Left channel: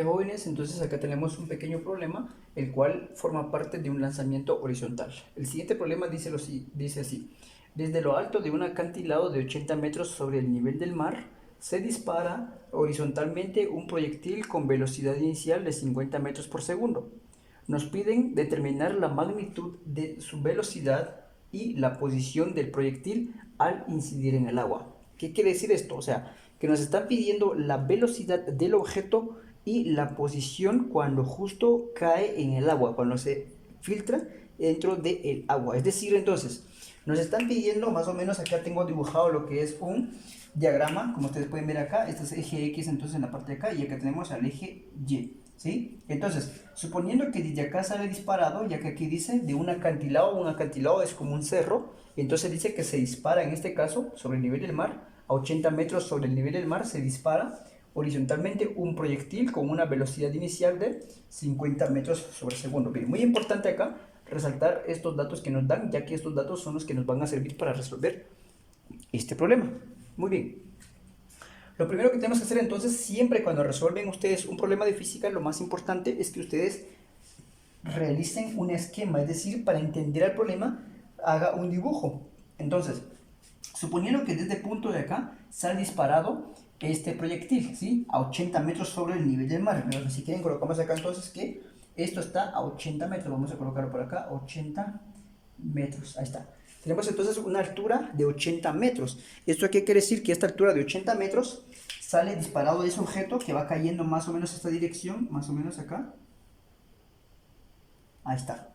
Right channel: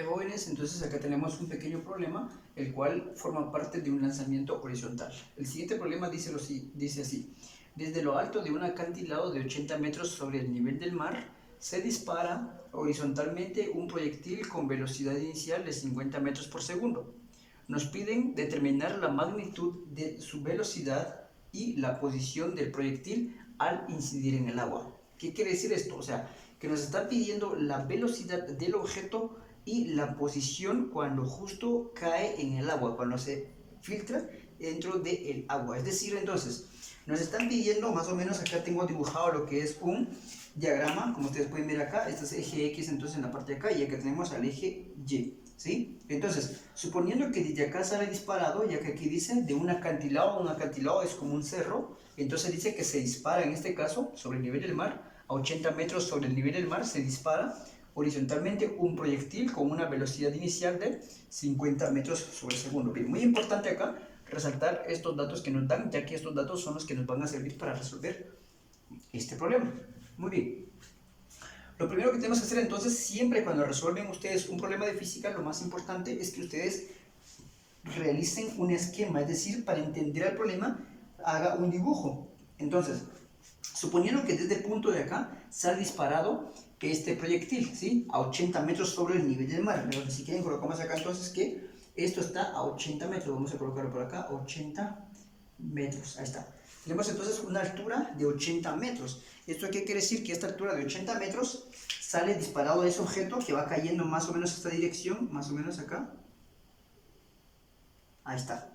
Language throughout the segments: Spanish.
Jóvenes, entonces acá tenemos un pequeño problema, el cual forma parte de un lanzamiento horizontal. El siguiente problema dice así: desde lo alto de un acantilado de 80 metros sobre el nivel del mar, se dispara horizontalmente un proyectil con velocidad inicial de 50 metros por segundo. Nos piden determinar la magnitud de su velocidad y la posición del proyectil al incidir en el agua. ¿Qué quiere decir esto? O sea, que nos están pidiendo la velocidad del objeto y la posición cuando justo cae en el agua, cuando se filtra dentro del agua. Es decir, entonces, nos están pidiendo más o menos, acá tengo dibujado lo que es un diagrama, como ustedes pueden ver acá, este es eje X entonces en la parte de acá, y acá tenemos al eje Y, ¿sí? Entonces, suponiendo que desde acá sale disparado, ya que aquí dice de un acantilado es como un cerro, entonces dice que se dispara en este caso sobre el nivel del mar, a 80 metros sobre el nivel del mar se dispara horizontalmente un proyectil con una velocidad inicial de 50 metros sobre segundo. Bien, muy importante acá resaltar estos datos que nos dan, ya que estos datos son los que nos van a servir para resolver este problema. Muy bien. Lo primero que tenemos que hacer entonces, siempre cuando resuelven ustedes un problema de física, lo más importante es que ustedes realicen un esquema, es decir, para entender el problema, haga un dibujo. Entonces, suponiendo que desde este punto de acá sale disparado este proyectil, ¿sí? A 80 metros sobre el nivel del mar. Pero si quieren colocamos acá entonces que esto está a 80 metros. Vamos a colocarlo por acá, 80 metros. Ahí está. Tenemos entonces una altura de 80 metros. ¿Esto qué quiere decir? Que esta altura de 80 metros sale disparado de ese objeto que va cayendo más o menos esta dirección, más o menos acá. Ahí está.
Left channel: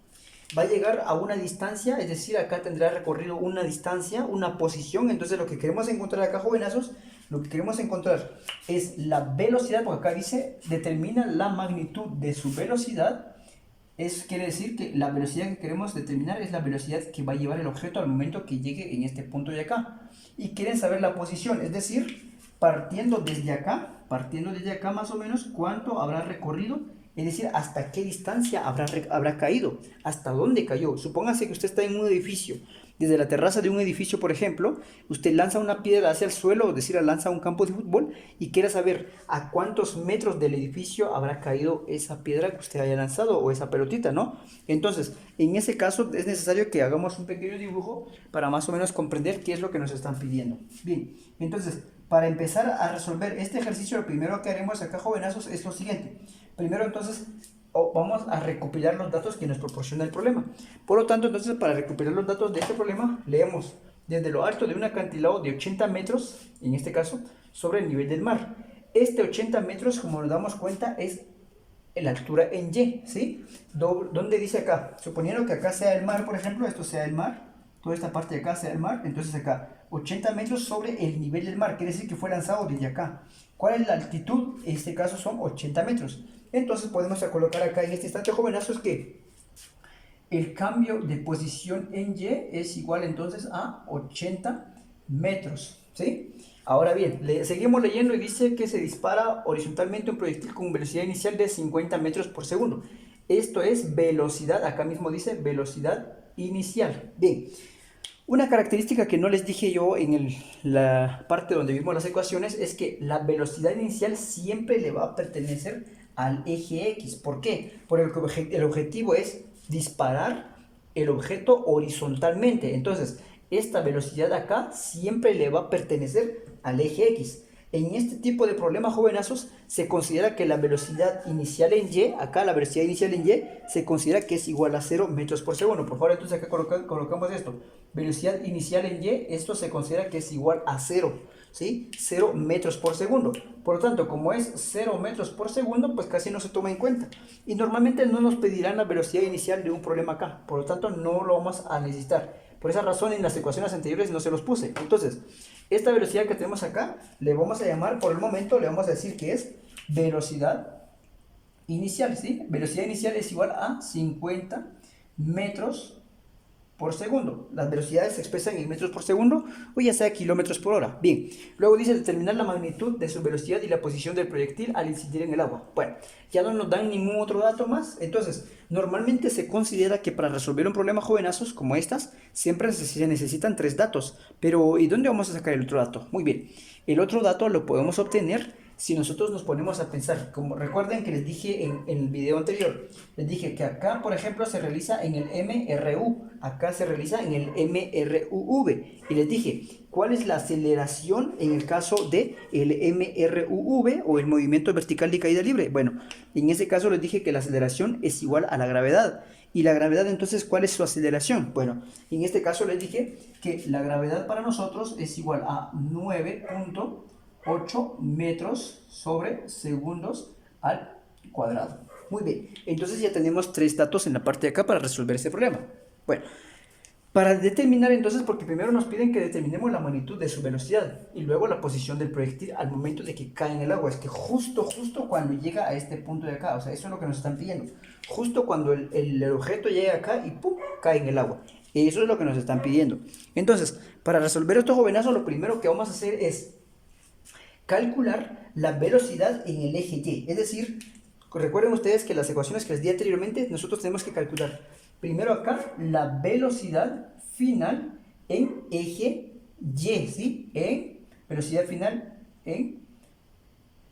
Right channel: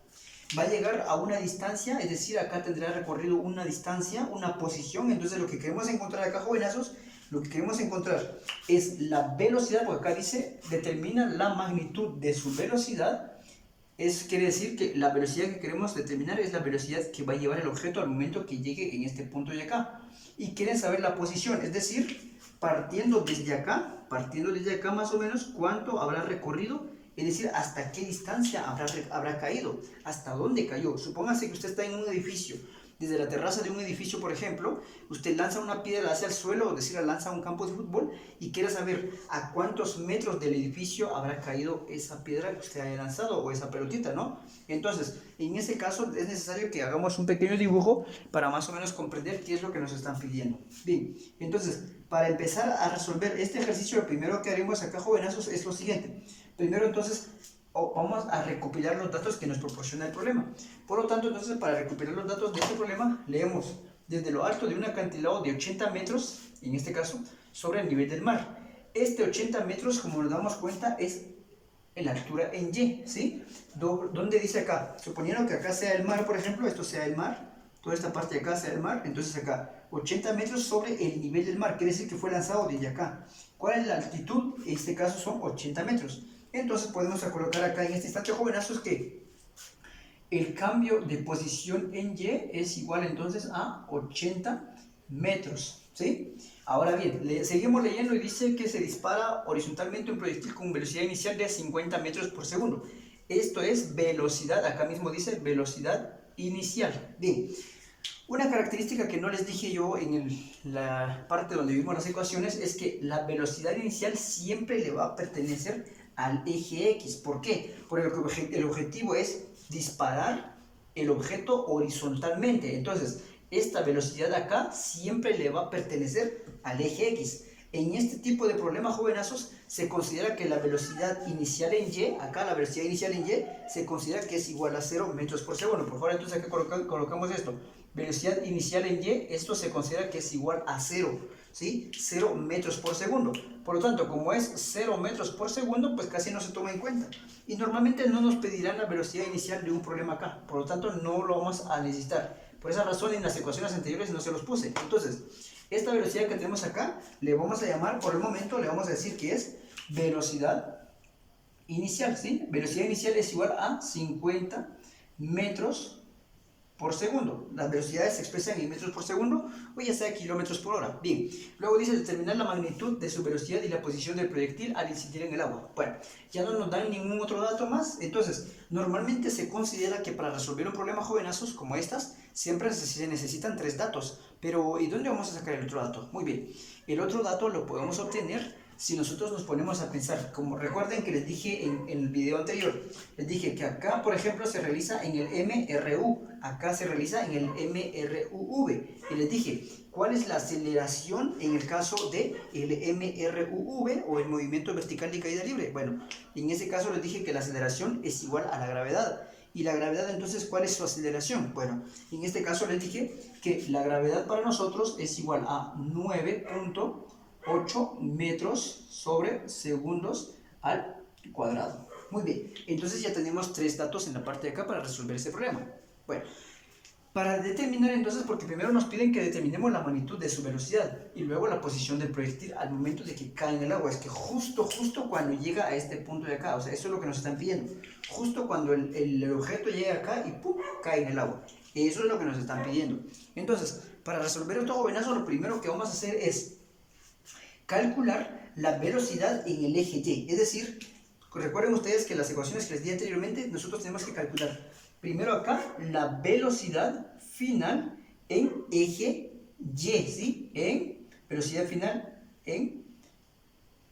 Va a llegar a una distancia, es decir, acá tendrá recorrido una distancia, una posición. Entonces lo que queremos encontrar acá, jovenazos, lo que queremos encontrar es la velocidad, porque acá dice, determina la magnitud de su velocidad. Quiere decir que la velocidad que queremos determinar es la velocidad que va a llevar el objeto al momento que llegue en este punto de acá. Y quieren saber la posición, es decir, partiendo desde acá más o menos, cuánto habrá recorrido, es decir, hasta qué distancia habrá caído, hasta dónde cayó. Supóngase que usted está en un edificio. Desde la terraza de un edificio, por ejemplo, usted lanza una piedra hacia el suelo, es decir, lanza un campo de fútbol y quiere saber a cuántos metros del edificio habrá caído esa piedra que usted haya lanzado o esa pelotita, ¿no? Entonces, en ese caso es necesario que hagamos un pequeño dibujo para más o menos comprender qué es lo que nos están pidiendo. Bien, entonces, para empezar a resolver este ejercicio, lo primero que haremos acá, jovenazos, es lo siguiente. Primero, entonces, vamos a recopilar los datos que nos proporciona el problema. Por lo tanto, entonces, para recuperar los datos de este problema, leemos desde lo alto de un acantilado de 80 metros, en este caso, sobre el nivel del mar. Este 80 metros, como nos damos cuenta, es la altura en Y, ¿sí? ¿Dónde dice acá? Suponiendo que acá sea el mar, por ejemplo, esto sea el mar, toda esta parte de acá sea el mar, entonces acá, 80 metros sobre el nivel del mar, quiere decir que fue lanzado desde acá. ¿Cuál es la altitud? En este caso son 80 metros. Entonces podemos colocar acá en este instante, jovenazos, que el cambio de posición en Y es igual entonces a 80 metros, ¿sí? Ahora bien, seguimos leyendo y dice que se dispara horizontalmente un proyectil con velocidad inicial de 50 metros por segundo. Esto es velocidad, acá mismo dice velocidad inicial. Bien, una característica que no les dije yo en la parte donde vimos las ecuaciones es que la velocidad inicial siempre le va a pertenecer al eje X. ¿Por qué? Porque el objetivo es disparar el objeto horizontalmente. Entonces, esta velocidad acá siempre le va a pertenecer al eje X. En este tipo de problemas, jovenazos, se considera que la velocidad inicial en Y, acá la velocidad inicial en Y, se considera que es igual a 0 metros por segundo. Por favor, entonces acá colocamos esto. Velocidad inicial en Y, esto se considera que es igual a 0, ¿sí? 0 metros por segundo. Por lo tanto, como es 0 metros por segundo, pues casi no se toma en cuenta. Y normalmente no nos pedirán la velocidad inicial de un problema acá. Por lo tanto, no lo vamos a necesitar. Por esa razón, en las ecuaciones anteriores no se los puse. Entonces, esta velocidad que tenemos acá, le vamos a llamar, por el momento, le vamos a decir que es velocidad inicial, ¿sí? Velocidad inicial es igual a 50 metros por segundo. Las velocidades se expresan en metros por segundo o ya sea kilómetros por hora. Bien, luego dice determinar la magnitud de su velocidad y la posición del proyectil al incidir en el agua. Bueno, ya no nos dan ningún otro dato más. Entonces, normalmente se considera que para resolver un problema, jovenazos, como estas, siempre se necesitan 3 datos. Pero, ¿y dónde vamos a sacar el otro dato? Muy bien, el otro dato lo podemos obtener si nosotros nos ponemos a pensar, como recuerden que les dije en el video anterior, les dije que acá, por ejemplo, se realiza en el MRU, acá se realiza en el MRUV, y les dije, ¿cuál es la aceleración en el caso de el MRUV o el movimiento vertical de caída libre? Bueno, en ese caso les dije que la aceleración es igual a la gravedad. ¿Y la gravedad entonces cuál es su aceleración? Bueno, en este caso les dije que la gravedad para nosotros es igual a 9.8 metros sobre segundos al cuadrado. Muy bien, entonces ya tenemos 3 datos en la parte de acá para resolver ese problema. Bueno, para determinar entonces, porque primero nos piden que determinemos la magnitud de su velocidad y luego la posición del proyectil al momento de que cae en el agua. Es que justo cuando llega a este punto de acá, o sea, eso es lo que nos están pidiendo. Justo cuando el objeto llega acá y ¡pum!, cae en el agua. Eso es lo que nos están pidiendo. Entonces, para resolver estos jovenazos, lo primero que vamos a hacer es calcular la velocidad en el eje Y. Es decir, recuerden ustedes que las ecuaciones que les di anteriormente, nosotros tenemos que calcular primero acá la velocidad final en eje Y, ¿sí? En velocidad final en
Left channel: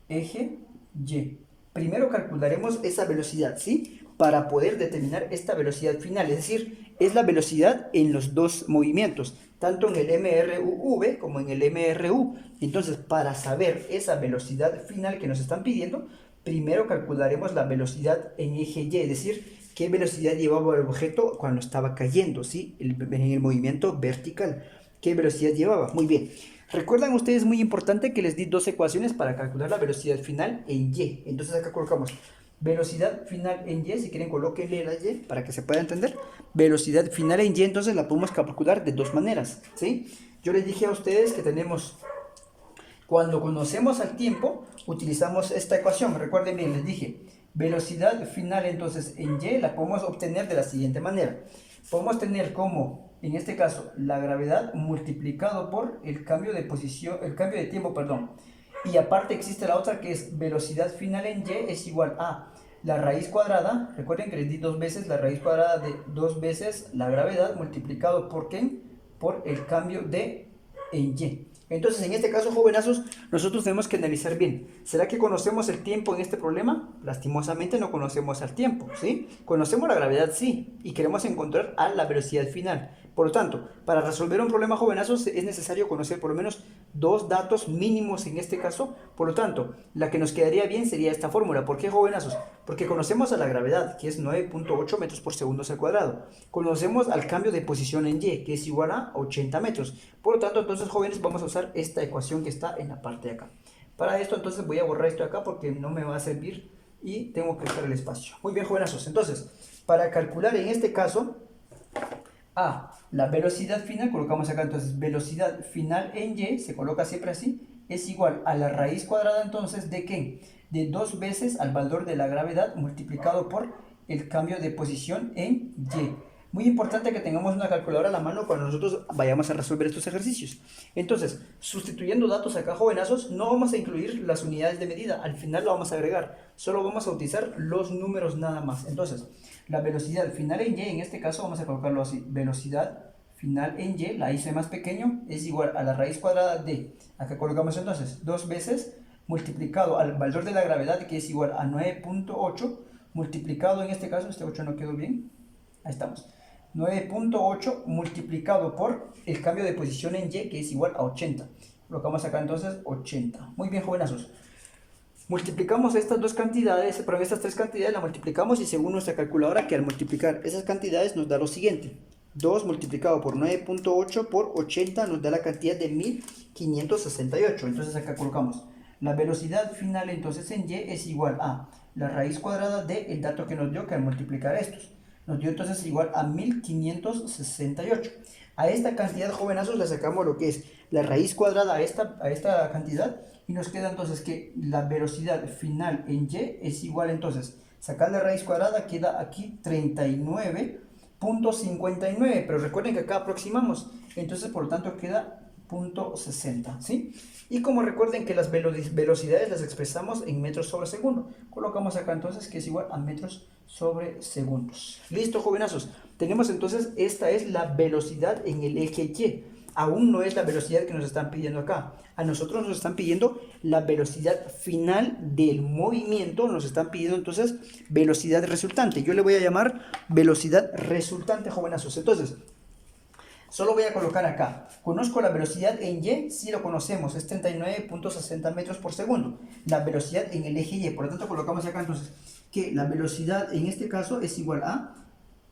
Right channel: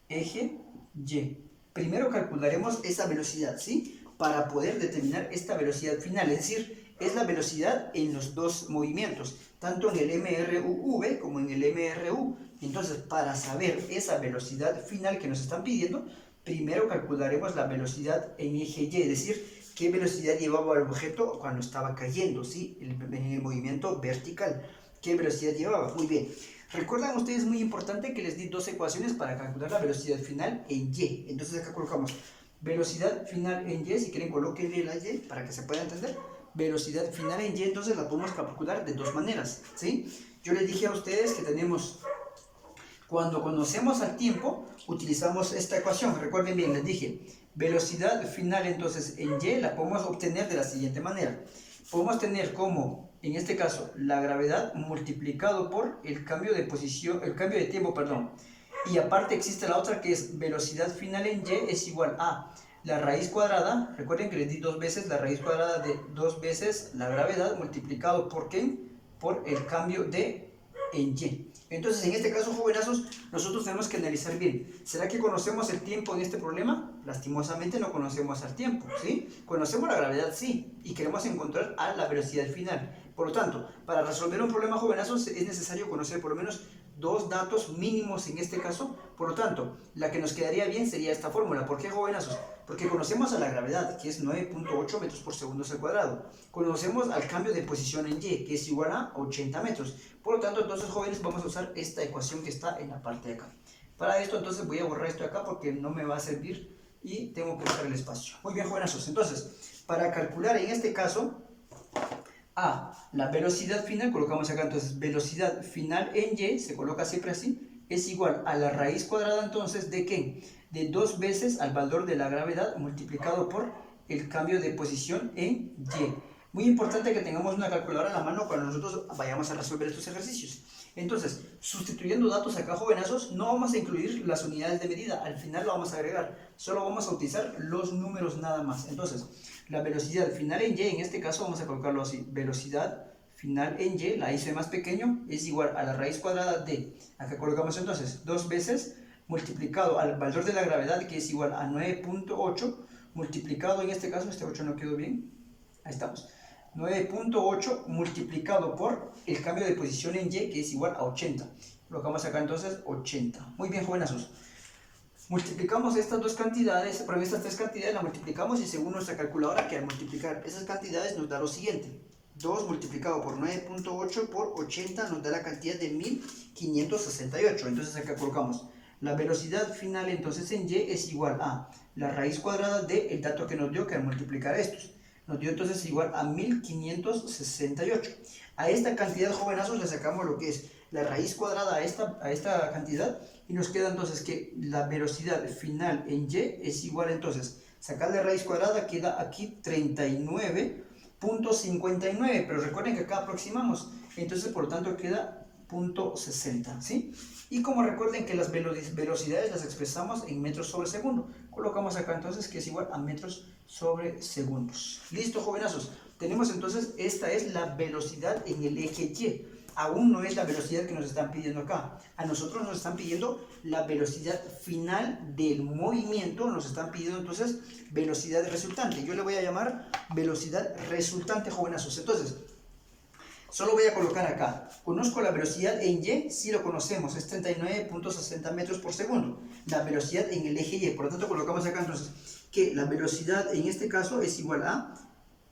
eje Y. Primero calcularemos esa velocidad, ¿sí? Para poder determinar esta velocidad final, es decir, es la velocidad en los dos movimientos, tanto en el MRUV como en el MRU. Entonces, para saber esa velocidad final que nos están pidiendo, primero calcularemos la velocidad en eje Y, es decir, qué velocidad llevaba el objeto cuando estaba cayendo, ¿sí? En el movimiento vertical. ¿Qué velocidad llevaba? Muy bien. Recuerdan ustedes, muy importante, que les di 2 ecuaciones para calcular la velocidad final en Y. Entonces acá colocamos velocidad final en Y, si quieren colóquenle la Y para que se pueda entender. Velocidad final en Y, entonces la podemos calcular de 2 maneras, ¿sí? Yo les dije a ustedes que tenemos, cuando conocemos al tiempo, utilizamos esta ecuación. Recuerden bien, les dije, velocidad final entonces en Y la podemos obtener de la siguiente manera. Podemos tener como, en este caso, la gravedad multiplicado por el cambio de posición, el cambio de tiempo, perdón. Y aparte existe la otra que es velocidad final en Y es igual a la raíz cuadrada. Recuerden que les di 2 veces la raíz cuadrada de 2 veces la gravedad multiplicado por ¿qué? Por el cambio de en Y. Entonces, en este caso, jovenazos, nosotros tenemos que analizar bien. ¿Será que conocemos el tiempo en este problema? Lastimosamente no conocemos el tiempo, ¿sí? Conocemos la gravedad, sí, y queremos encontrar a la velocidad final. Por lo tanto, para resolver un problema, jovenazos, es necesario conocer por lo menos 2 datos mínimos en este caso. Por lo tanto, la que nos quedaría bien sería esta fórmula. ¿Por qué, jovenazos? Porque conocemos a la gravedad, que es 9.8 metros por segundo al cuadrado. Conocemos al cambio de posición en Y, que es igual a 80 metros. Por lo tanto, entonces, jóvenes, vamos a usar esta ecuación que está en la parte de acá. Para esto, entonces, voy a borrar esto de acá porque no me va a servir y tengo que usar el espacio. Muy bien, jovenazos. Entonces, para calcular en este caso la velocidad final, colocamos acá entonces velocidad final en Y, se coloca siempre así, es igual a la raíz cuadrada entonces de ¿qué? De 2 veces al valor de la gravedad multiplicado por el cambio de posición en Y. Muy importante que tengamos una calculadora a la mano cuando nosotros vayamos a resolver estos ejercicios. Entonces, sustituyendo datos acá, jovenazos, no vamos a incluir las unidades de medida, al final lo vamos a agregar, solo vamos a utilizar los números nada más. Entonces, la velocidad final en Y, en este caso vamos a colocarlo así, velocidad final en Y, la hice más pequeño, es igual a la raíz cuadrada de, acá colocamos entonces 2 veces multiplicado al valor de la gravedad, que es igual a 9.8, multiplicado en este caso, este 8 no quedó bien, ahí estamos, 9.8 multiplicado por el cambio de posición en Y, que es igual a 80. Colocamos acá entonces 80. Muy bien, jovenazos. Multiplicamos estas 2 cantidades, pero estas 3 cantidades las multiplicamos y según nuestra calculadora, que al multiplicar esas cantidades nos da lo siguiente. 2 multiplicado por 9.8 por 80 nos da la cantidad de 1568. Entonces acá colocamos la velocidad final entonces en Y es igual a la raíz cuadrada del dato que nos dio, que al multiplicar estos nos dio entonces igual a 1568. A esta cantidad, jovenazos, le sacamos lo que es la raíz cuadrada a esta cantidad y nos queda entonces que la velocidad final en Y es igual entonces, sacar la raíz cuadrada queda aquí 39.59, pero recuerden que acá aproximamos, entonces por lo tanto queda 0.60, ¿sí? Y como recuerden que las velocidades las expresamos en metros sobre segundo, colocamos acá entonces que es igual a metros sobre segundos. Listo, jovenazos, tenemos entonces, esta es la velocidad en el eje Y. aún no es la velocidad que nos están pidiendo acá. A nosotros nos están pidiendo la velocidad final del movimiento, nos están pidiendo entonces velocidad resultante. Yo le voy a llamar velocidad resultante, jovenazos. Entonces, solo voy a colocar acá. Conozco la velocidad en Y, sí lo conocemos, es 39.60 metros por segundo. La velocidad en el eje Y, por lo tanto colocamos acá entonces que la velocidad en este caso es igual a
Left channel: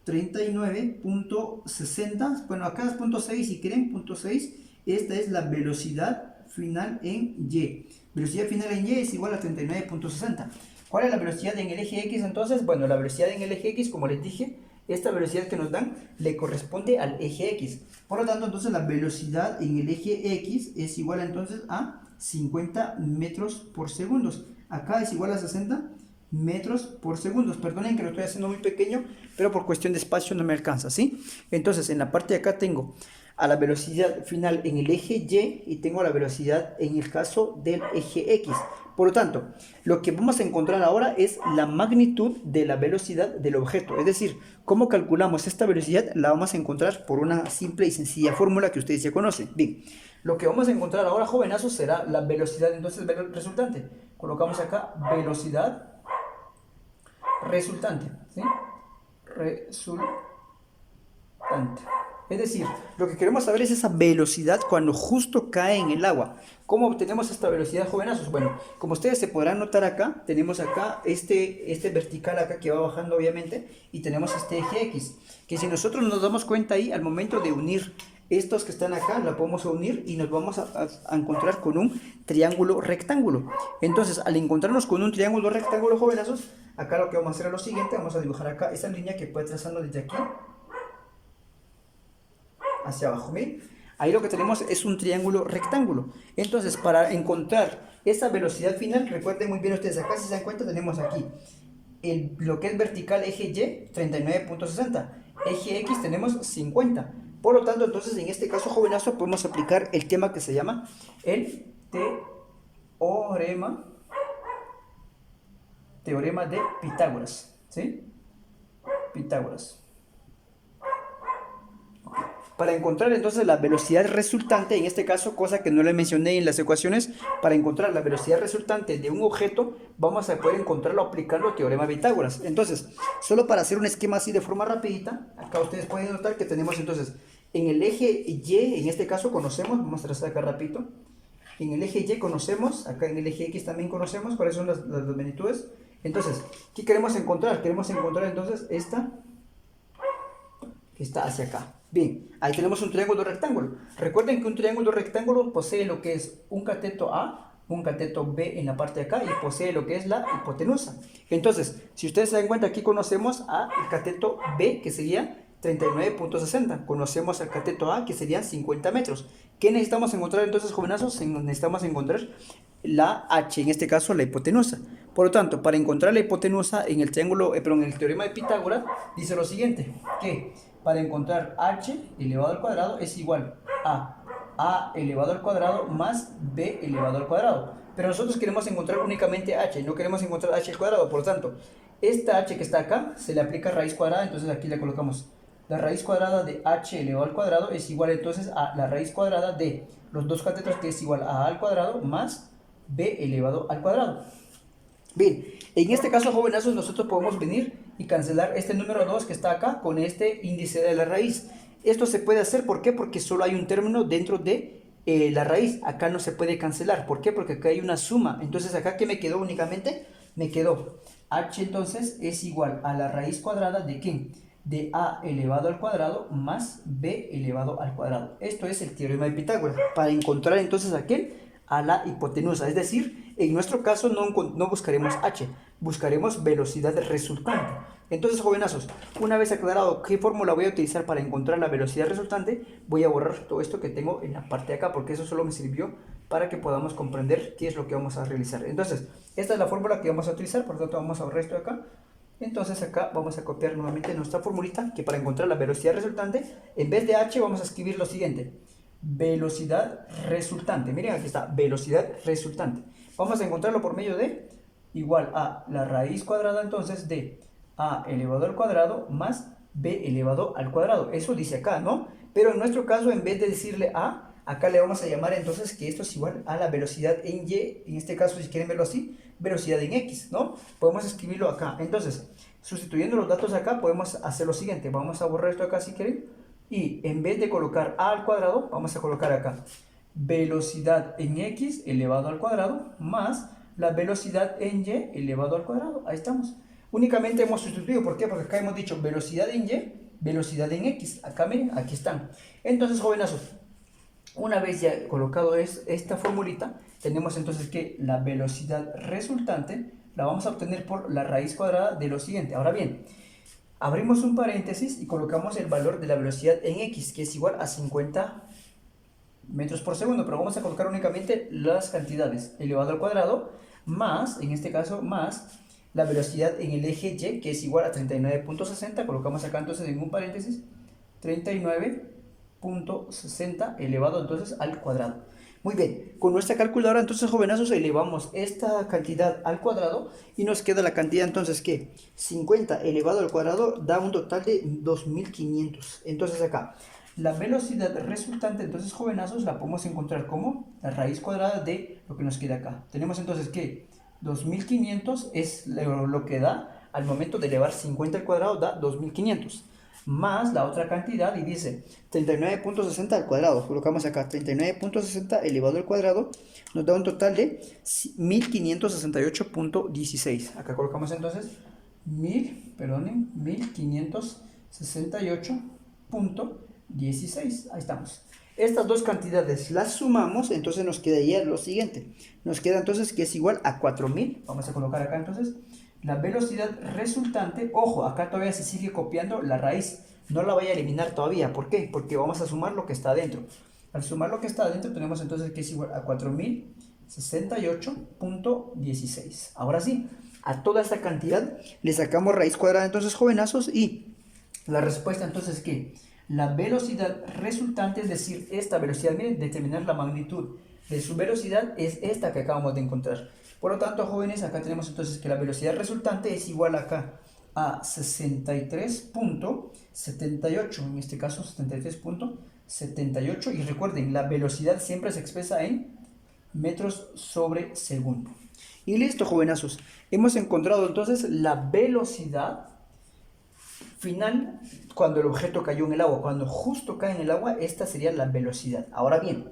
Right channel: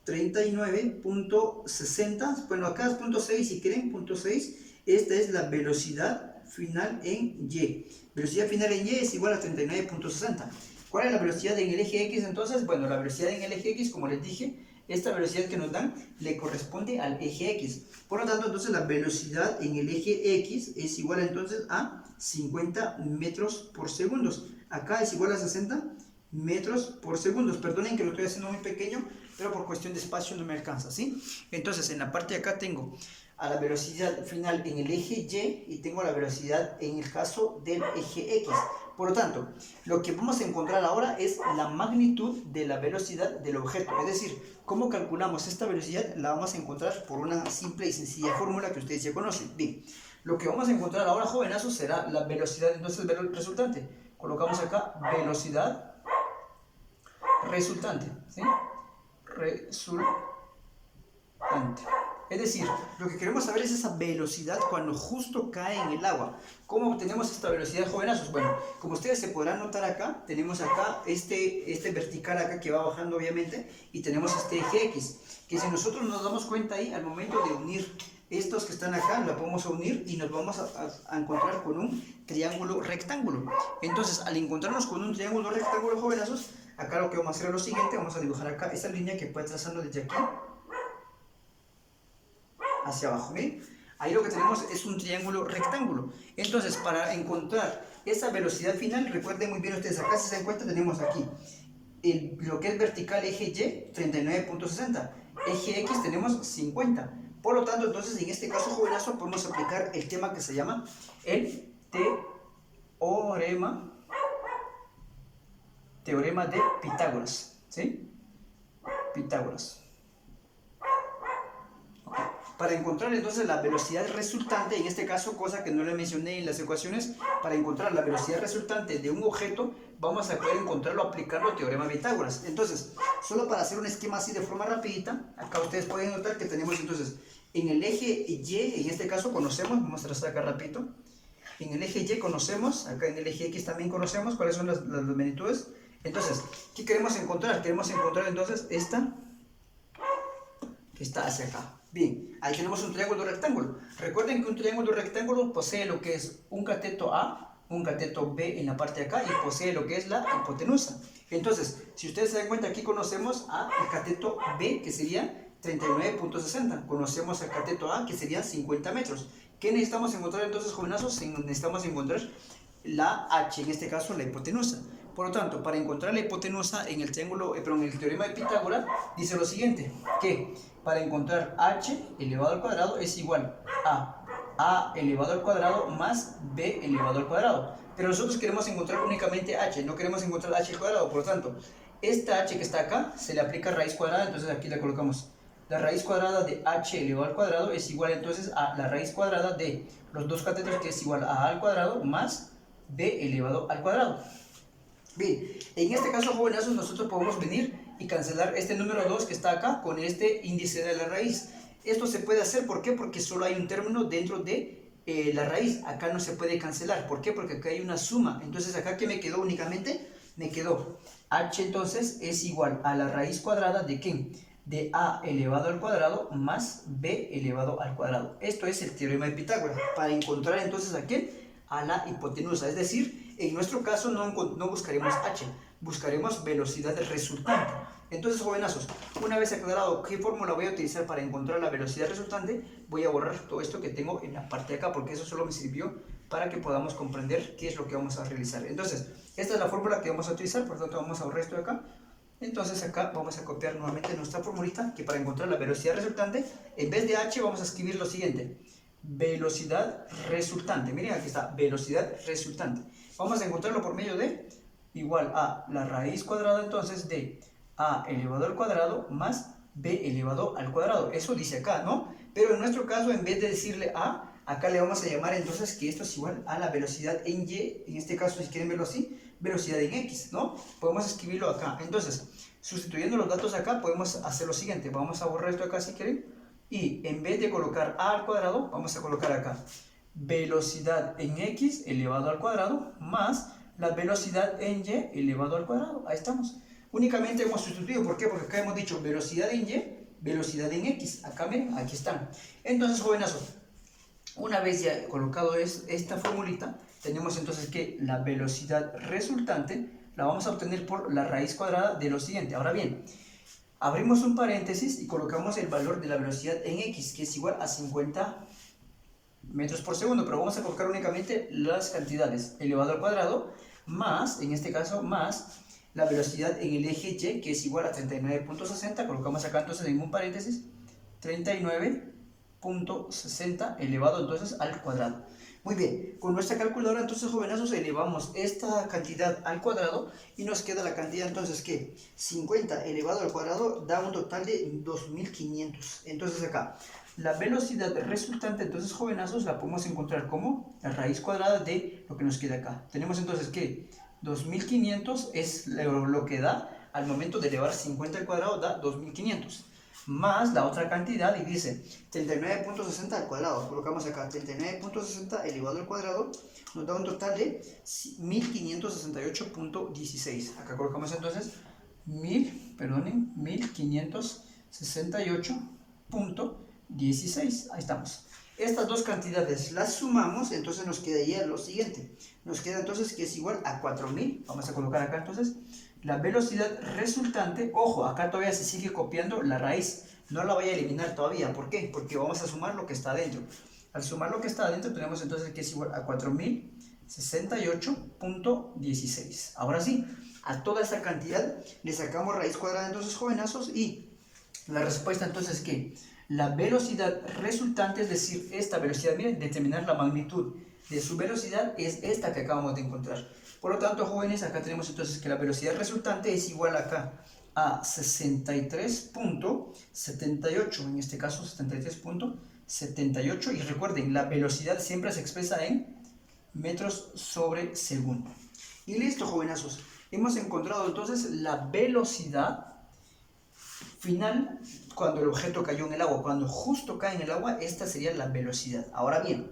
39.60, bueno acá es 0.6 si quieren, 0.6, esta es la velocidad final en Y. Velocidad final en Y es igual a 39.60. ¿Cuál es la velocidad en el eje X entonces? Bueno, la velocidad en el eje X, como les dije, esta velocidad que nos dan le corresponde al eje X. Por lo tanto, entonces la velocidad en el eje X es igual entonces a 50 metros por segundo. Acá es igual a 60 metros por segundo. Perdonen que lo estoy haciendo muy pequeño, pero por cuestión de espacio no me alcanza, ¿sí? Entonces, en la parte de acá tengo a la velocidad final en el eje Y y tengo la velocidad en el caso del eje X. Por lo tanto, lo que vamos a encontrar ahora es la magnitud de la velocidad del objeto. Es decir, ¿cómo calculamos esta velocidad? La vamos a encontrar por una simple y sencilla fórmula que ustedes ya conocen. Bien, lo que vamos a encontrar ahora, jovenazos, será la velocidad entonces resultante. Colocamos acá velocidad resultante, ¿sí? Resultante. Es decir, lo que queremos saber es esa velocidad cuando justo cae en el agua. ¿Cómo obtenemos esta velocidad, jovenazos? Bueno, como ustedes se podrán notar acá, tenemos acá este vertical acá que va bajando obviamente, y tenemos este eje X, que si nosotros nos damos cuenta ahí, al momento de unir estos que están acá, la podemos unir y nos vamos a encontrar con un triángulo rectángulo. Entonces, al encontrarnos con un triángulo rectángulo, jovenazos, acá lo que vamos a hacer es lo siguiente, vamos a dibujar acá esta línea que puede trazarlo desde aquí hacia abajo, ¿bien? Ahí lo que tenemos es un triángulo rectángulo. Entonces, para encontrar esa velocidad final, recuerden muy bien ustedes, acá si se dan cuenta tenemos aquí lo que es vertical eje Y, 39.60, eje X tenemos 50. Por lo tanto, entonces en este caso, jovenazo, podemos aplicar el tema que se llama el teorema de Pitágoras, ¿sí? Pitágoras. Para encontrar entonces la velocidad resultante, en este caso, cosa que no le mencioné en las ecuaciones, para encontrar la velocidad resultante de un objeto, vamos a poder encontrarlo aplicando el teorema de Pitágoras. Entonces, solo para hacer un esquema así de forma rapidita, acá ustedes pueden notar que tenemos entonces, en el eje Y, en este caso conocemos, vamos a trazar acá rapidito, en el eje Y conocemos, acá en el eje X también conocemos cuáles son las magnitudes. Entonces, ¿qué queremos encontrar? Queremos encontrar entonces esta, que está hacia acá. Bien, ahí tenemos un triángulo rectángulo. Recuerden que un triángulo rectángulo posee lo que es un cateto A, un cateto B en la parte de acá y posee lo que es la hipotenusa. Entonces, si ustedes se dan cuenta, aquí conocemos al cateto B, que sería 39.60. Conocemos al cateto A, que serían 50 metros. ¿Qué necesitamos encontrar entonces, jovenazos? Necesitamos encontrar la H, en este caso la hipotenusa. Por lo tanto, para encontrar la hipotenusa en el triángulo, en el teorema de Pitágoras, dice lo siguiente, que para encontrar h elevado al cuadrado es igual a elevado al cuadrado más b elevado al cuadrado. Pero nosotros queremos encontrar únicamente h, no queremos encontrar h al cuadrado. Por lo tanto, esta h que está acá se le aplica raíz cuadrada, entonces aquí le colocamos la raíz cuadrada de h elevado al cuadrado es igual entonces a la raíz cuadrada de los dos catetos, que es igual a al cuadrado más b elevado al cuadrado. Bien, en este caso, jovenazos, nosotros podemos venir y cancelar este número 2 que está acá con este índice de la raíz. Esto se puede hacer, ¿por qué? Porque solo hay un término dentro de la raíz. Acá no se puede cancelar. ¿Por qué? Porque acá hay una suma. Entonces, acá, ¿qué me quedó únicamente? Me quedó h, entonces, es igual a la raíz cuadrada de ¿qué? De a elevado al cuadrado más b elevado al cuadrado. Esto es el teorema de Pitágoras. Para encontrar, entonces, ¿a qué? A la hipotenusa. Es decir, en nuestro caso no buscaremos h, buscaremos velocidad resultante. Entonces, jovenazos, una vez aclarado qué fórmula voy a utilizar para encontrar la velocidad resultante, voy a borrar todo esto que tengo en la parte de acá, porque eso solo me sirvió para que podamos comprender qué es lo que vamos a realizar. Entonces, esta es la fórmula que vamos a utilizar, por lo tanto vamos a borrar esto de acá. Entonces acá vamos a copiar nuevamente nuestra formulita, que para encontrar la velocidad resultante, en vez de h vamos a escribir lo siguiente: velocidad resultante. Miren, aquí está, velocidad resultante. Vamos a encontrarlo por medio de igual a la raíz cuadrada entonces de a elevado al cuadrado más b elevado al cuadrado. Eso dice acá, ¿no? Pero en nuestro caso, en vez de decirle A, acá le vamos a llamar entonces que esto es igual a la velocidad en Y, en este caso si quieren verlo así, velocidad en X, ¿no? Podemos escribirlo acá. Entonces, sustituyendo los datos acá, podemos hacer lo siguiente. Vamos a borrar esto acá si quieren. Y en vez de colocar A al cuadrado, vamos a colocar acá velocidad en X elevado al cuadrado más la velocidad en Y elevado al cuadrado. Ahí estamos. Únicamente hemos sustituido. ¿Por qué? Porque acá hemos dicho velocidad en Y, velocidad en X. Acá miren, aquí están. Entonces, jovenazos, una vez ya colocado esta formulita, tenemos entonces que la velocidad resultante la vamos a obtener por la raíz cuadrada de lo siguiente. Ahora bien, abrimos un paréntesis y colocamos el valor de la velocidad en X, que es igual a 50 metros por segundo, pero vamos a colocar únicamente las cantidades elevado al cuadrado más, en este caso, más la velocidad en el eje Y, que es igual a 39.60, colocamos acá entonces en un paréntesis 39.60 elevado entonces al cuadrado. Muy bien, con nuestra calculadora entonces, jovenazos, elevamos esta cantidad al cuadrado y nos queda la cantidad entonces que 50 elevado al cuadrado da un total de 2500. Entonces acá la velocidad resultante, entonces, jovenazos, la podemos encontrar como la raíz cuadrada de lo que nos queda acá. Tenemos entonces que 2500 es lo que da al momento de elevar 50 al cuadrado, da 2500. Más la otra cantidad y dice 39.60 al cuadrado. Colocamos acá 39.60 elevado al cuadrado, nos da un total de 1568.16. Acá colocamos entonces 1568.16. Ahí estamos. Estas dos cantidades las sumamos, entonces nos quedaría lo siguiente. Nos queda entonces que es igual a 4000. Vamos a colocar acá entonces la velocidad resultante. Ojo, acá todavía se sigue copiando la raíz. No la voy a eliminar todavía. ¿Por qué? Porque vamos a sumar lo que está adentro. Al sumar lo que está adentro tenemos entonces que es igual a 4068.16. Ahora sí, a toda esta cantidad le sacamos raíz cuadrada entonces, jovenazos, y la respuesta entonces es que la velocidad resultante, es decir, esta velocidad, miren, determinar la magnitud de su velocidad es esta que acabamos de encontrar. Por lo tanto, jóvenes, acá tenemos entonces que la velocidad resultante es igual acá a 63.78, en este caso 73.78, y recuerden, la velocidad siempre se expresa en metros sobre segundo. Y listo, jovenazos, hemos encontrado entonces la velocidad final cuando el objeto cayó en el agua. Cuando justo cae en el agua, esta sería la velocidad. Ahora bien,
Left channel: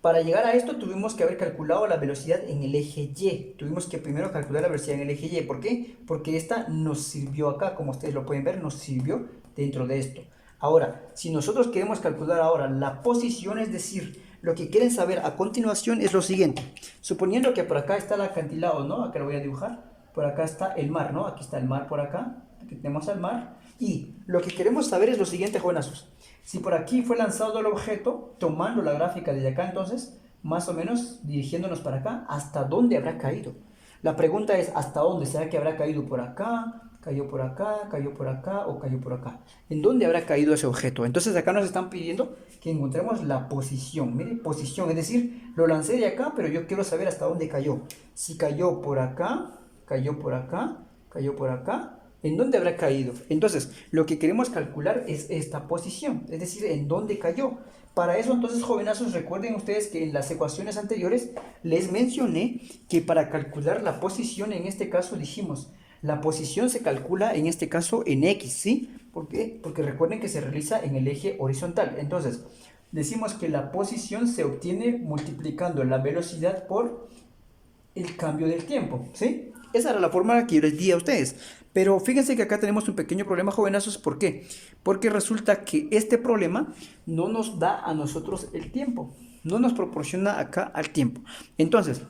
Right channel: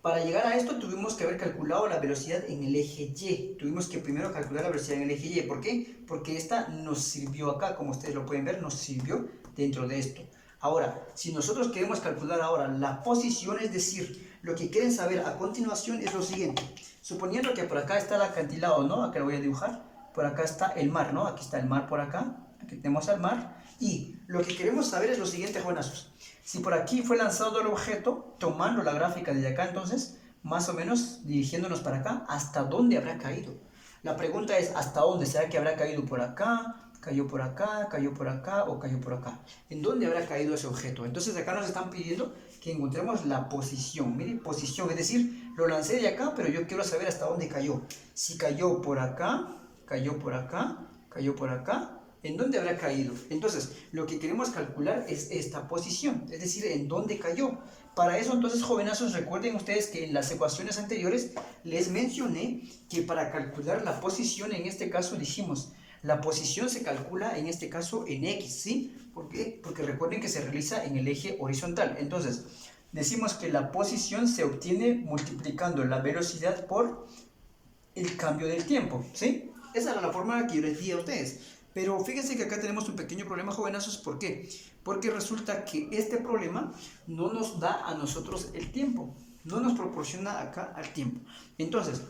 para llegar a esto tuvimos que haber calculado la velocidad en el eje Y. Tuvimos que primero calcular la velocidad en el eje Y. ¿Por qué? Porque esta nos sirvió acá, como ustedes lo pueden ver, nos sirvió dentro de esto. Ahora, si nosotros queremos calcular ahora la posición, es decir, lo que quieren saber a continuación es lo siguiente. Suponiendo que por acá está el acantilado, ¿no? Acá lo voy a dibujar. Por acá está el mar, ¿no? Aquí está el mar por acá. Aquí tenemos al mar. Y lo que queremos saber es lo siguiente, jovenazos. Si por aquí fue lanzado el objeto, tomando la gráfica desde acá, entonces, más o menos dirigiéndonos para acá, ¿hasta dónde habrá caído? La pregunta es, ¿hasta dónde? ¿Será que habrá caído por acá, cayó por acá, cayó por acá o cayó por acá? ¿En dónde habrá caído ese objeto? Entonces acá nos están pidiendo que encontremos la posición. Mire, posición, es decir, lo lancé de acá, pero yo quiero saber hasta dónde cayó. Si cayó por acá, cayó por acá, cayó por acá, ¿en dónde habrá caído? Entonces, lo que queremos calcular es esta posición, es decir, ¿en dónde cayó? Para eso, entonces, jovenazos, recuerden ustedes que en las ecuaciones anteriores les mencioné que para calcular la posición, en este caso dijimos, la posición se calcula en este caso en X, ¿sí? ¿Por qué? Porque recuerden que se realiza en el eje horizontal. Entonces, decimos que la posición se obtiene multiplicando la velocidad por el cambio del tiempo, ¿sí? Esa era la fórmula que yo les di a ustedes. Pero fíjense que acá tenemos un pequeño problema, jovenazos. ¿Por qué? Porque resulta que este problema no nos da a nosotros el tiempo. No nos proporciona acá al tiempo. Entonces,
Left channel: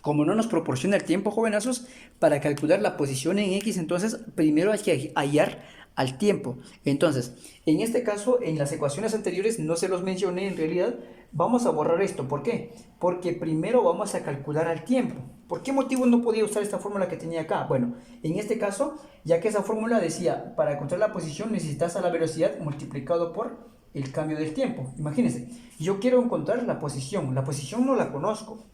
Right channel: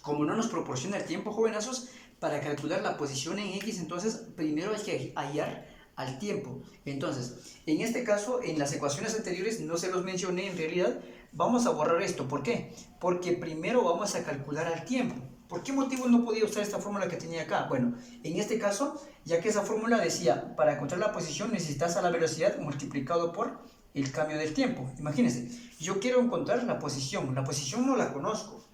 como no nos proporciona el tiempo, jovenazos, para calcular la posición en X, entonces primero hay que hallar al tiempo. Entonces, en este caso, en las ecuaciones anteriores no se los mencioné en realidad. Vamos a borrar esto. ¿Por qué? Porque primero vamos a calcular al tiempo. ¿Por qué motivo no podía usar esta fórmula que tenía acá? Bueno, en este caso, ya que esa fórmula decía, para encontrar la posición necesitas a la velocidad multiplicado por el cambio del tiempo. Imagínense, yo quiero encontrar la posición no la conozco.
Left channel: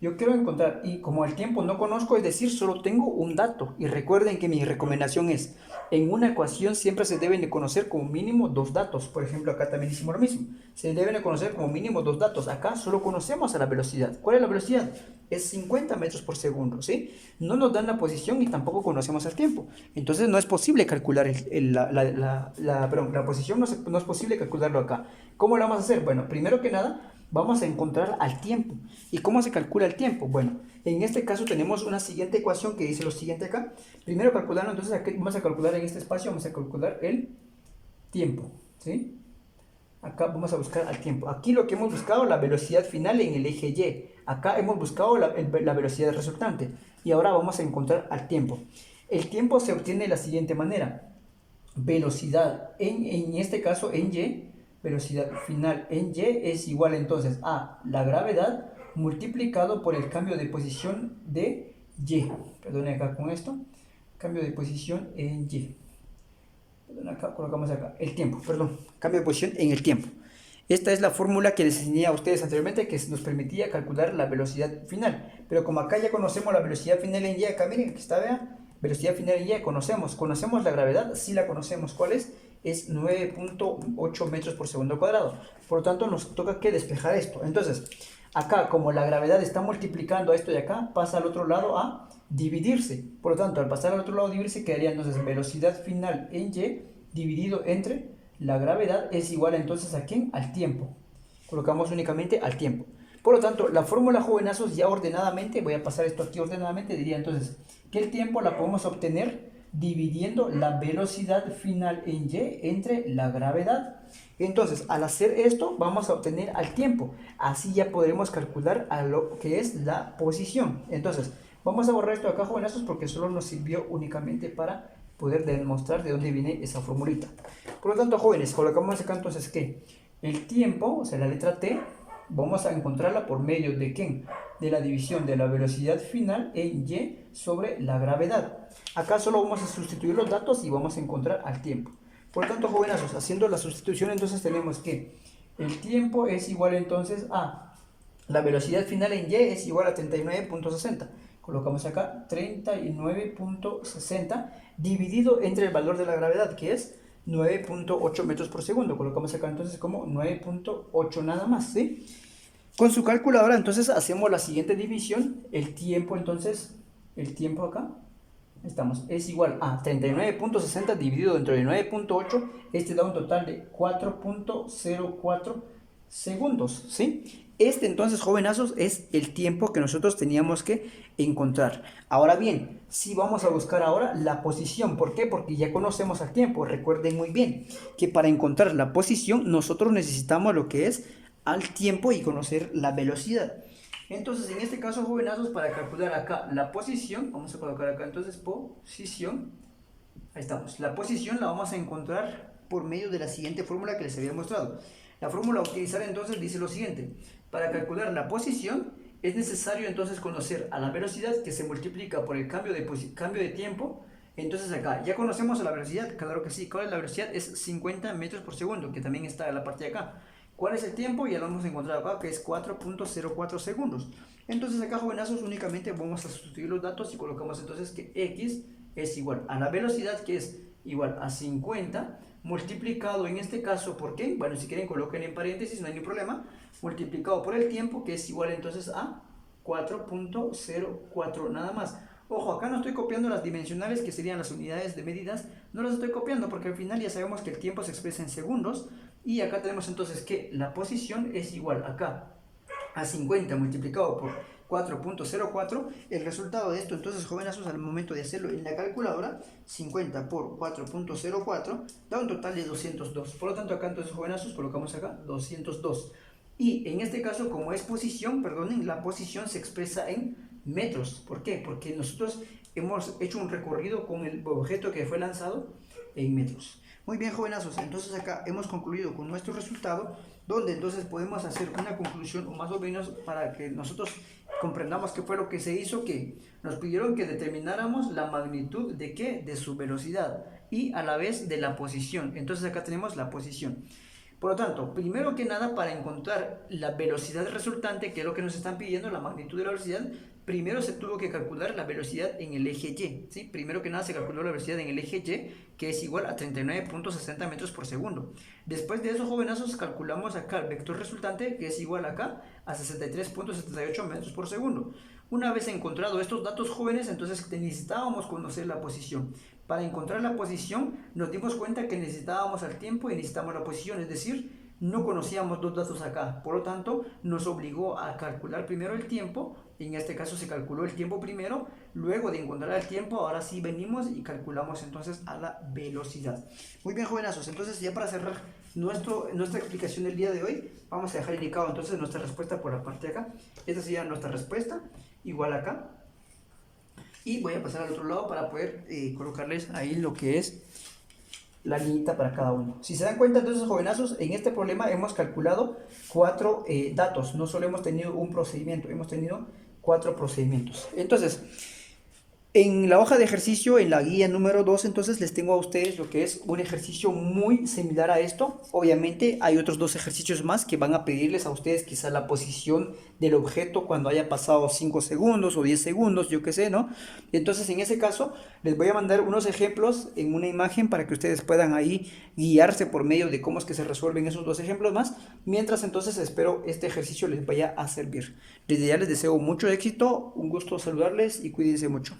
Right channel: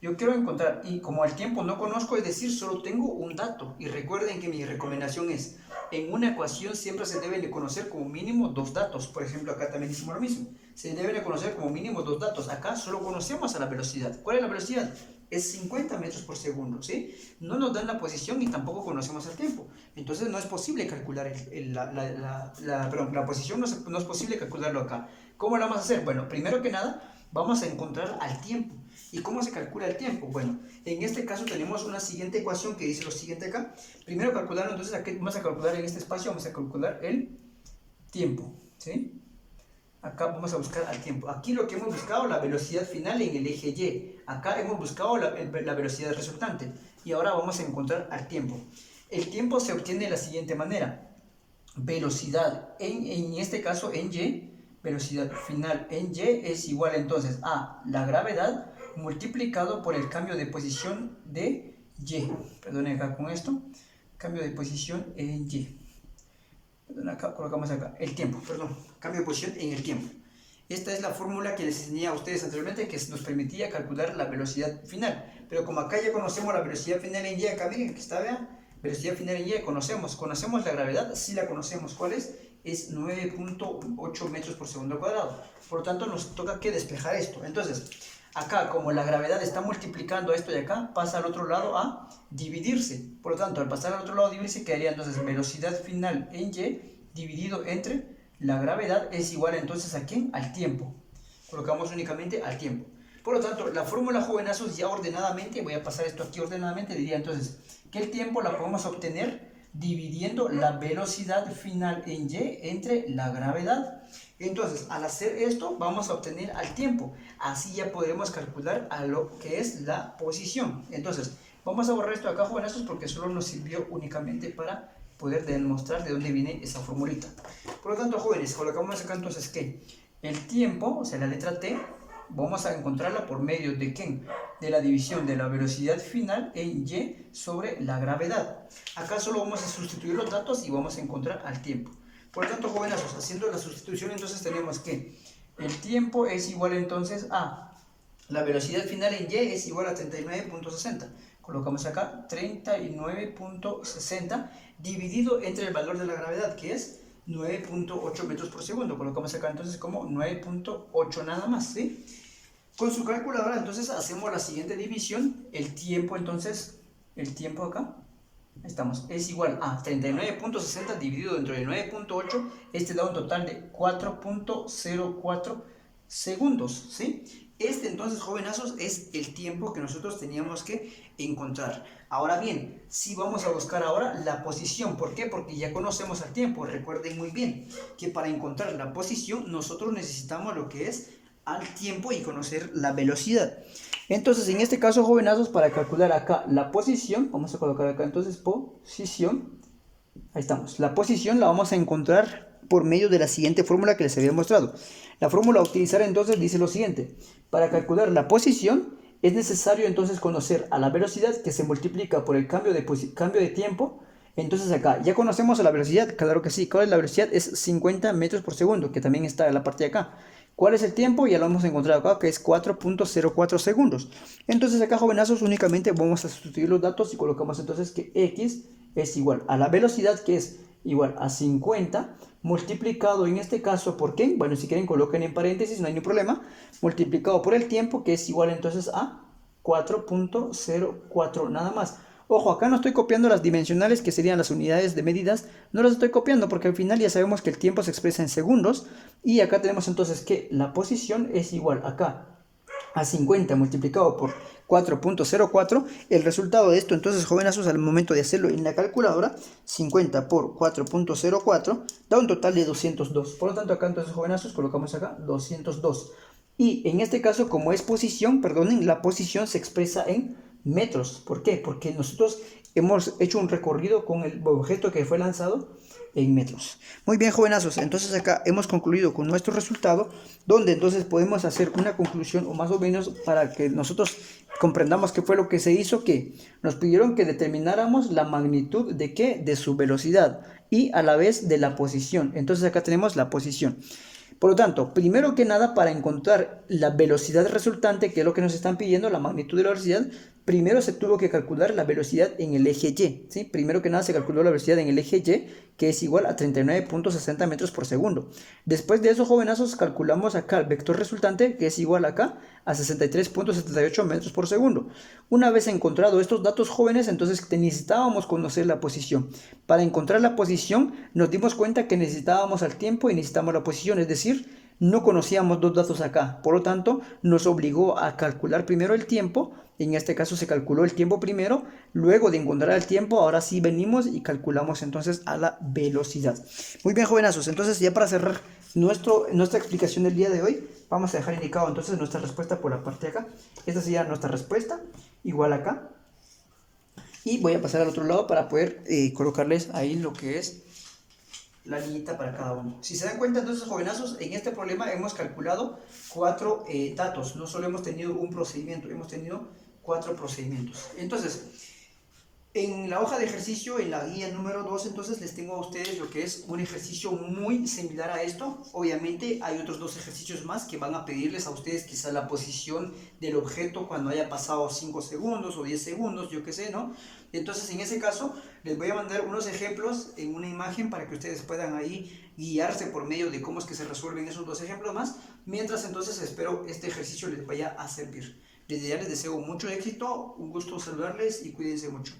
Yo quiero encontrar, y como el tiempo no conozco, es decir, solo tengo un dato. Y recuerden que mi recomendación es, En una ecuación siempre se deben de conocer como mínimo dos datos. Por ejemplo, acá también hicimos lo mismo. Se deben de conocer como mínimo dos datos. Acá solo conocemos a la velocidad. ¿Cuál es la velocidad? Es 50 metros por segundo, ¿sí? No nos dan la posición y tampoco conocemos el tiempo. Entonces no es posible calcular la posición, no es posible calcularlo acá. ¿Cómo lo vamos a hacer? Bueno, primero que nada, vamos a encontrar al tiempo. ¿Y cómo se calcula el tiempo? Bueno, en este caso tenemos una siguiente ecuación que dice lo siguiente acá. Primero calculando, entonces aquí vamos a calcular en este espacio, vamos a calcular el tiempo, ¿sí? Acá vamos a buscar al tiempo. Aquí lo que hemos buscado, la velocidad final en el eje Y. Acá hemos buscado la velocidad resultante. Y ahora vamos a encontrar al tiempo. El tiempo se obtiene de la siguiente manera. Velocidad en este caso en Y, velocidad final en Y es igual entonces a la gravedad multiplicado por el cambio de posición de Y. Perdone acá con esto. Cambio de posición en Y. Acá colocamos acá el tiempo, cambio de posición en el tiempo. Esta es la fórmula que les enseñé a ustedes anteriormente, que nos permitía calcular la velocidad final. Pero como acá ya conocemos la velocidad final en Y, acá miren que está, vean, velocidad final en Y, conocemos la gravedad, sí la conocemos. ¿Cuál es? Es 9.8 metros por segundo cuadrado. Por lo tanto nos toca que despejar esto. Entonces, acá como la gravedad está multiplicando esto de acá, pasa al otro lado a dividirse. Por lo tanto, al pasar al otro lado a dividirse, quedaría entonces velocidad final en Y dividido entre la gravedad es igual entonces a ¿quién? Al tiempo. Colocamos únicamente al tiempo. Por lo tanto, la fórmula, jovenazos, ya ordenadamente, voy a pasar esto aquí ordenadamente, diría entonces que el tiempo la podemos obtener dividiendo la velocidad final en Y entre la gravedad. Entonces, al hacer esto, vamos a obtener al tiempo. Así ya podremos calcular a lo que es la posición. Entonces, vamos a borrar esto de acá, jovenazos, porque solo nos sirvió únicamente para poder demostrar de dónde viene esa formulita. Por lo tanto, jóvenes, colocamos acá entonces que el tiempo, o sea, la letra T, vamos a encontrarla por medio de ¿quién? De la división de la velocidad final en Y sobre la gravedad. Acá solo vamos a sustituir los datos y vamos a encontrar al tiempo. Por lo tanto, jovenazos, haciendo la sustitución, entonces tenemos que el tiempo es igual entonces a la velocidad final en Y es igual a 39.60. Colocamos acá 39.60 dividido entre el valor de la gravedad, que es 9.8 metros por segundo. Colocamos acá entonces como 9.8 nada más, ¿sí? Con su calculadora entonces hacemos la siguiente división. El tiempo entonces, el tiempo acá, estamos, es igual a 39.60 dividido entre 9.8. Este da un total de 4.04 segundos, ¿sí? Este entonces, jovenazos, es el tiempo que nosotros teníamos que encontrar. Ahora bien, si vamos a buscar ahora la posición. ¿Por qué? Porque ya conocemos el tiempo. Recuerden muy bien que para encontrar la posición nosotros necesitamos lo que es al tiempo y conocer la velocidad. Entonces, en este caso, jovenazos, para calcular acá la posición, vamos a colocar acá entonces posición. Ahí estamos. La posición la vamos a encontrar por medio de la siguiente fórmula que les había mostrado. La fórmula a utilizar entonces dice lo siguiente. Para calcular la posición es necesario entonces conocer a la velocidad, que se multiplica por el cambio de tiempo. Entonces acá ya conocemos a la velocidad, claro que sí. ¿Cuál es la velocidad? Es 50 metros por segundo, que también está en la parte de acá. ¿Cuál es el tiempo? Ya lo hemos encontrado acá, que es 4.04 segundos. Entonces acá, jovenazos, únicamente vamos a sustituir los datos y colocamos entonces que X es igual a la velocidad, que es igual a 50 multiplicado en este caso por ¿qué? Bueno, si quieren coloquen en paréntesis, no hay ningún problema, multiplicado por el tiempo, que es igual entonces a 4.04 nada más. Ojo, acá no estoy copiando las dimensionales, que serían las unidades de medidas, no las estoy copiando porque al final ya sabemos que el tiempo se expresa en segundos. Y acá tenemos entonces que la posición es igual acá a 50 multiplicado por 4.04. El resultado de esto entonces, jovenazos, al momento de hacerlo en la calculadora, 50 por 4.04 da un total de 202. Por lo tanto acá entonces, jovenazos, colocamos acá 202. Y en este caso, como es posición, perdonen, la posición se expresa en metros. ¿Por qué? Porque nosotros hemos hecho un recorrido con el objeto que fue lanzado en metros. Muy bien, jovenazos, entonces acá hemos concluido con nuestro resultado, donde entonces podemos hacer una conclusión, o más o menos para que nosotros comprendamos qué fue lo que se hizo, que nos pidieron que determináramos la magnitud de qué, de su velocidad y a la vez de la posición. Entonces acá tenemos la posición. Por lo tanto, primero que nada, para encontrar la velocidad resultante, que es lo que nos están pidiendo, la magnitud de la velocidad, primero se tuvo que calcular la velocidad en el eje Y, ¿sí? Primero que nada se calculó la velocidad en el eje Y, que es igual a 39.60 metros por segundo. Después de eso, jovenazos, calculamos acá el vector resultante, que es igual acá a 63.78 metros por segundo. Una vez encontrado estos datos, jóvenes, entonces necesitábamos conocer la posición. Para encontrar la posición, nos dimos cuenta que necesitábamos el tiempo y necesitamos la posición, es decir, no conocíamos dos datos acá. Por lo tanto, nos obligó a calcular primero el tiempo. En este caso se calculó el tiempo primero. Luego de encontrar el tiempo, ahora sí venimos y calculamos entonces a la velocidad. Muy bien, jovenazos. Entonces, ya para cerrar nuestra explicación del día de hoy, vamos a dejar indicado entonces nuestra respuesta por la parte de acá. Esta sería nuestra respuesta, igual acá. Y voy a pasar al otro lado para poder colocarles ahí lo que es la niñita para cada uno. Si se dan cuenta, entonces, jovenazos, en este problema hemos calculado 4 datos. No solo hemos tenido un procedimiento, hemos tenido 4 procedimientos. Entonces, en la hoja de ejercicio, en la guía número 2, entonces les tengo a ustedes lo que es un ejercicio muy similar a esto. Obviamente hay otros 2 ejercicios más que van a pedirles a ustedes quizá la posición del objeto cuando haya pasado 5 segundos o 10 segundos, yo qué sé, ¿no? Entonces, en ese caso, les voy a mandar unos ejemplos en una imagen para que ustedes puedan ahí guiarse por medio de cómo es que se resuelven esos 2 ejemplos más. Mientras, entonces, espero este ejercicio les vaya a servir. Desde ya les deseo mucho éxito, un gusto saludarles y cuídense mucho.